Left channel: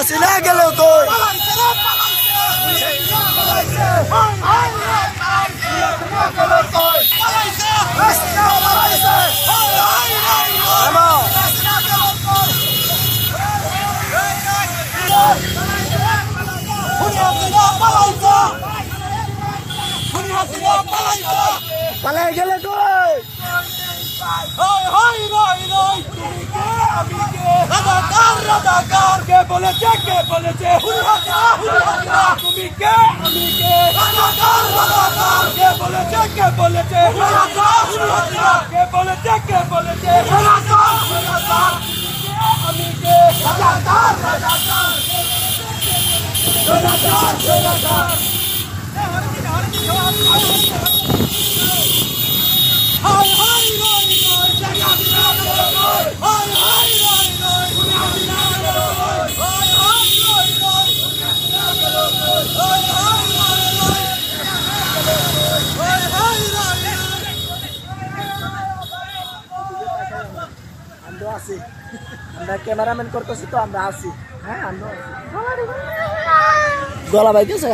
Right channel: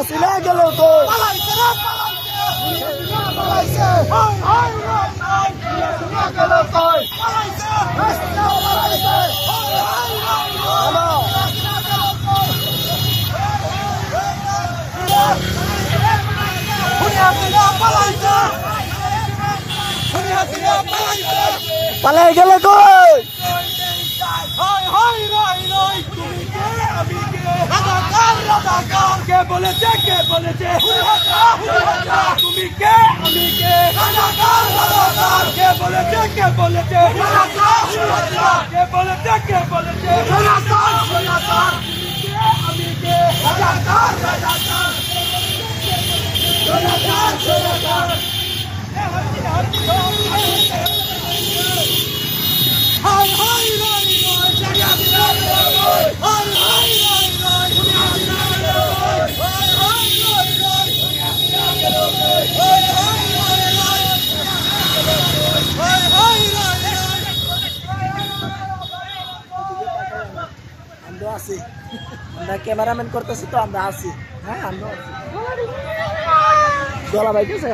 হাসিনা গেল কই পালাই গেল কই কে বলেছে তুমি কে আমি কে কে বলেছে কে বলেছে আমি কে আমরা আছি আমরা ক্যামেরাম্যান করতেছি তো আমরা আছি হ্যাঁ আমরা গলা বাইতেছে